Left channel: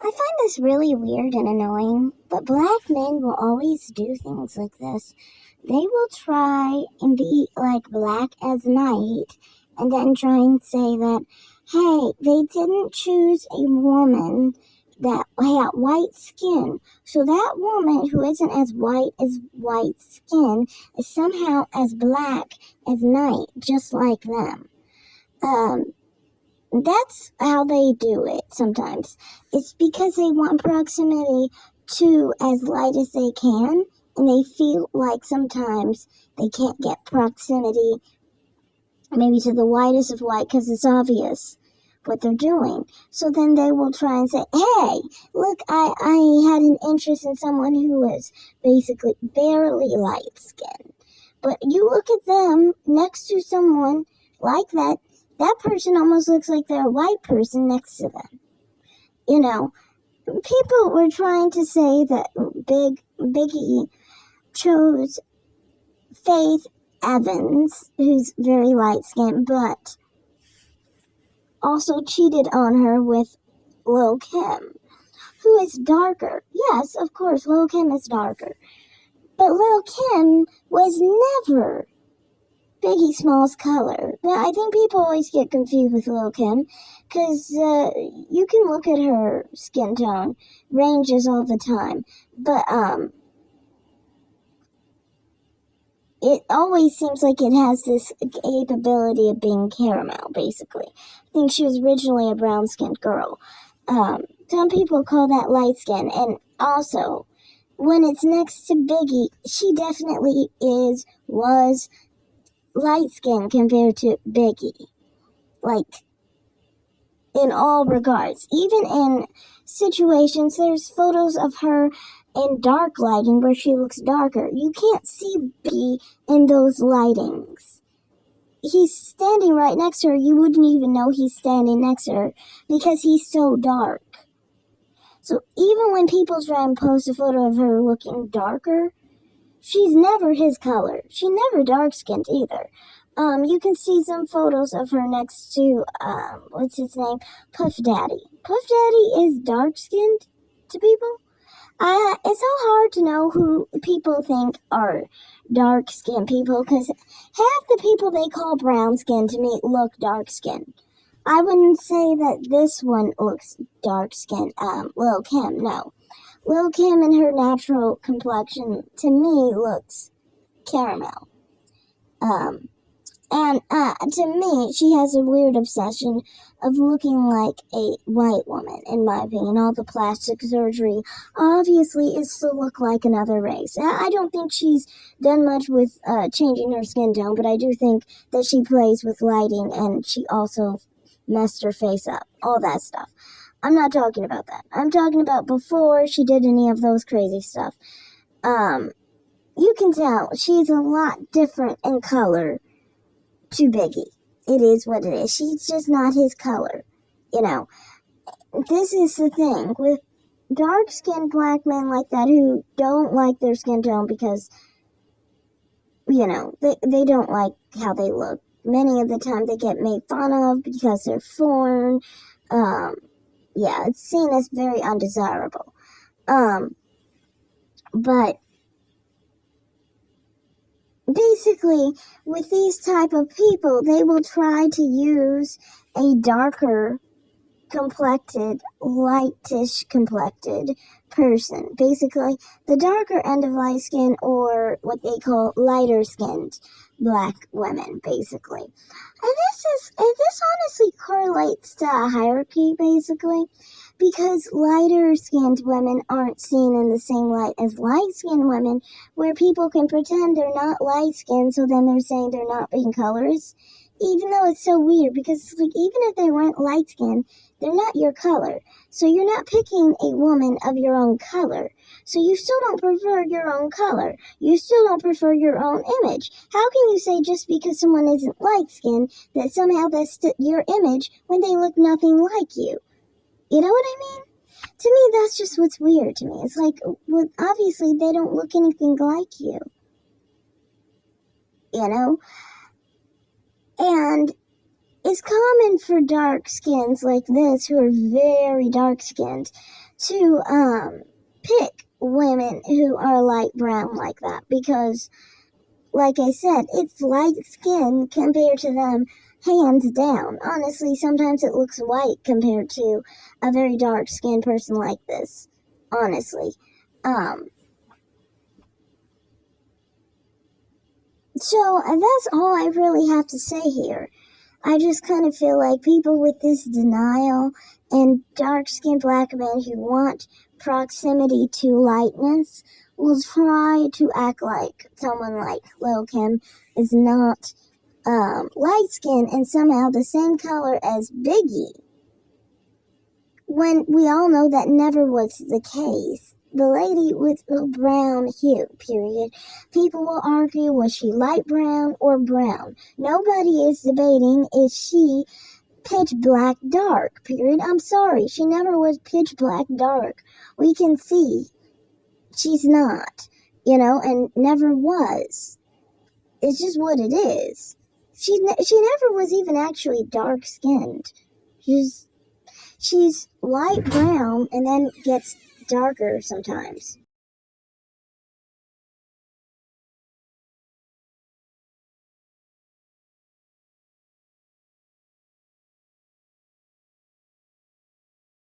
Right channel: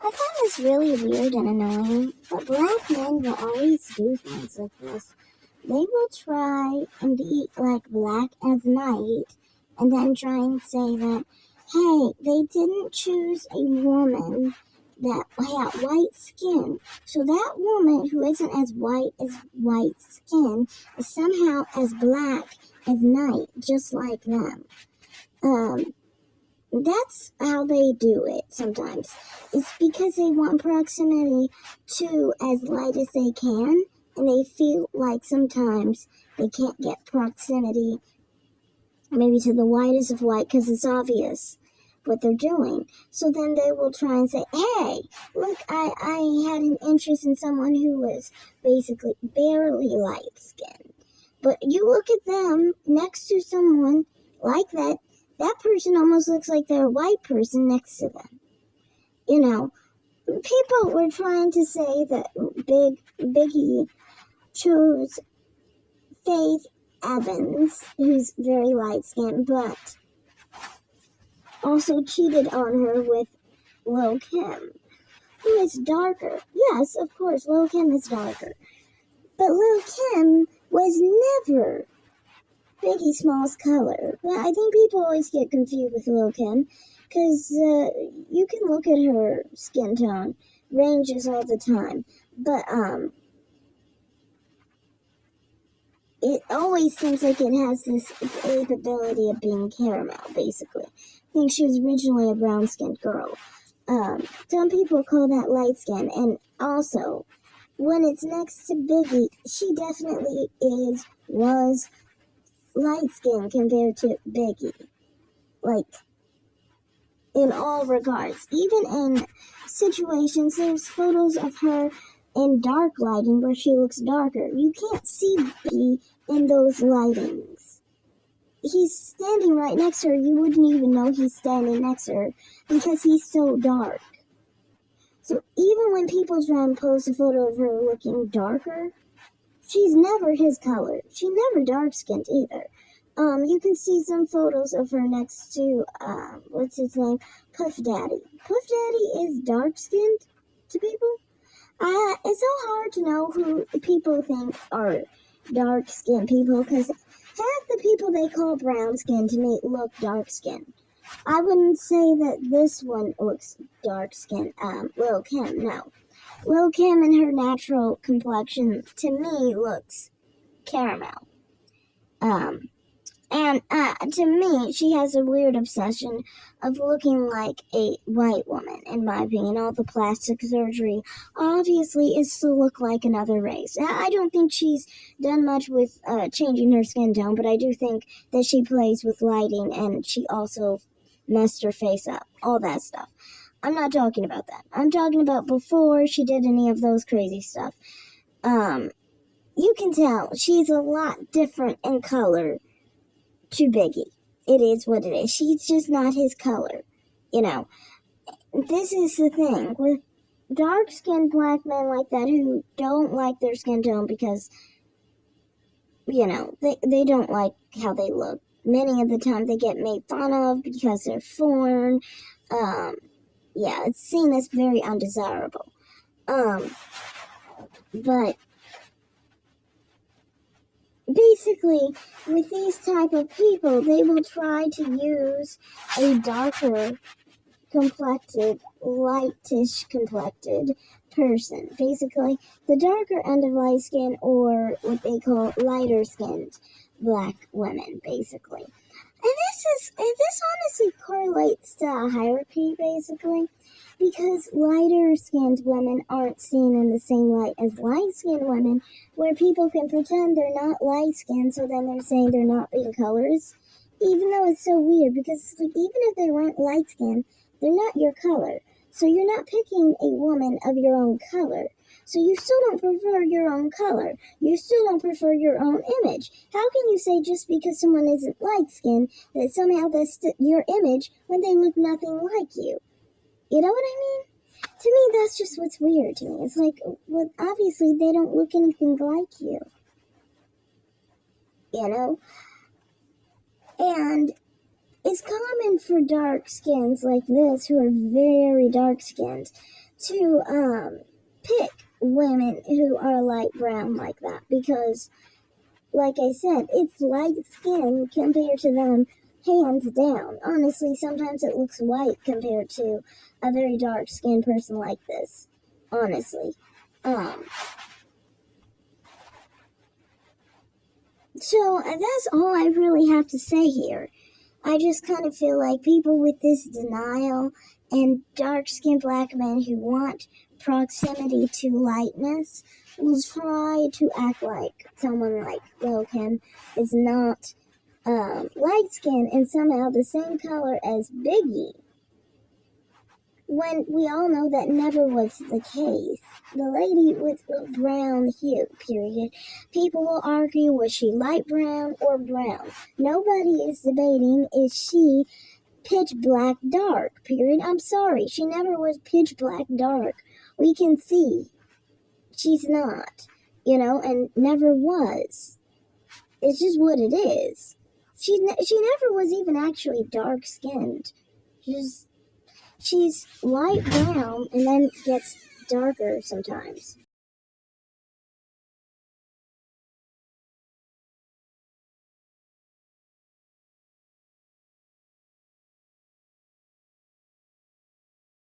I find this really weird and annoying, but black men will always do things like this. They will try and be like black as night and then try and say that, hey, they didn't choose a woman that had white skin. So that woman who isn't as white as white skin is somehow as black as night, just like them. That's how they do it sometimes. It's because they want proximity to as light as they can, and they feel like sometimes they can't get proximity maybe to the whitest of white because it's obvious what they're doing. So then they will try and say, hey, look, I had an interest in someone who was basically barely light skinned. But you look at them next to someone like that, that person almost looks like they're a white person next to them. You know, people were trying to say that Biggie chose Faith Evans, who's very light-skinned, but also cheated on her with Lil Kim, who is darker. Yes, of course, Lil Kim is darker. But Lil Kim was never Biggie Small's color. But I think people always get confused with Lil Kim because you can look at her skin tone ranges all the time, but it always seems like it has this capability of being caramel. Basically, I think she was originally a brown-skinned girl. Some people call that light skin, and also when it's next to Biggie, she definitely was light skin compared to Biggie, like in all regards. Even in situations, there's photos of her in dark lighting where she looks darker. You can't see Biggie in those lightings. He's standing right next to her. You wouldn't even know he's standing next to her because he's so dark. So even when people try and post a photo of her looking darker, she's never his color. She never dark-skinned either. You can see some photos of her next to, what's his name? Puff Daddy. Puff Daddy is dark-skinned to people. It's so hard to know who people think are dark-skinned people, because half the people they call brown-skinned to me look dark-skinned. I wouldn't say that this one looks dark-skinned, Lil Kim, no. Lil Kim and her natural complexion, to me, looks caramel. And to me, she has a weird obsession of looking like a white woman, in my opinion. All the plastic surgery, obviously, is to look like another race. I don't think she's done much with changing her skin tone, but I do think that she plays with lighting, and she also messed her face up. All that stuff. I'm not talking about that. I'm talking about before she did any of those crazy stuff. You can tell she's a lot different in color to Biggie. It is what it is. She's just not his color. You know, this is the thing with dark-skinned black men like that who don't like their skin tone because, you know, they don't like how they look. Many of the time they get made fun of because they're foreign. Yeah, it's seen as very undesirable. But basically, with these type of people, they will try to use a darker complected, lightish complected person. Basically, the darker end of light skin, or what they call lighter skinned black women, basically. And this honestly correlates to a hierarchy, basically, because lighter skinned women aren't seen in the same light as light skinned women, where people can pretend they're not light skinned, so then they're saying they're not being colors. Even though it's so weird, because like, even if they weren't light skinned, they're not your color. So you're not picking a woman of your own color. So you still don't prefer your own color. You still don't prefer your own image. How can you say just because someone isn't light-skinned that somehow that's your image when they look nothing like you? You know what I mean? To me, that's just what's weird to me. It's like, well, obviously they don't look anything like you. You know? And it's common for dark skins like this, who are very dark skinned, to pick women who are light brown like that, because, like I said, it's light skin compared to them, hands down. Honestly, sometimes it looks white compared to a very dark skinned person like this. Honestly. So that's all I really have to say here. I just kind of feel like people with this denial and dark-skinned black men who want proximity to lightness will try to act like someone like Lil Kim is not light-skinned and somehow the same color as Biggie, when we all know that never was the case. The lady with a brown hue, period. People will argue, was she light brown or brown? Nobody is debating, is she pitch black dark, period. I'm sorry, she never was pitch black dark. We can see she's not, and never was. It's just what it is. She never was even actually dark skinned. She's light brown and then gets darker sometimes.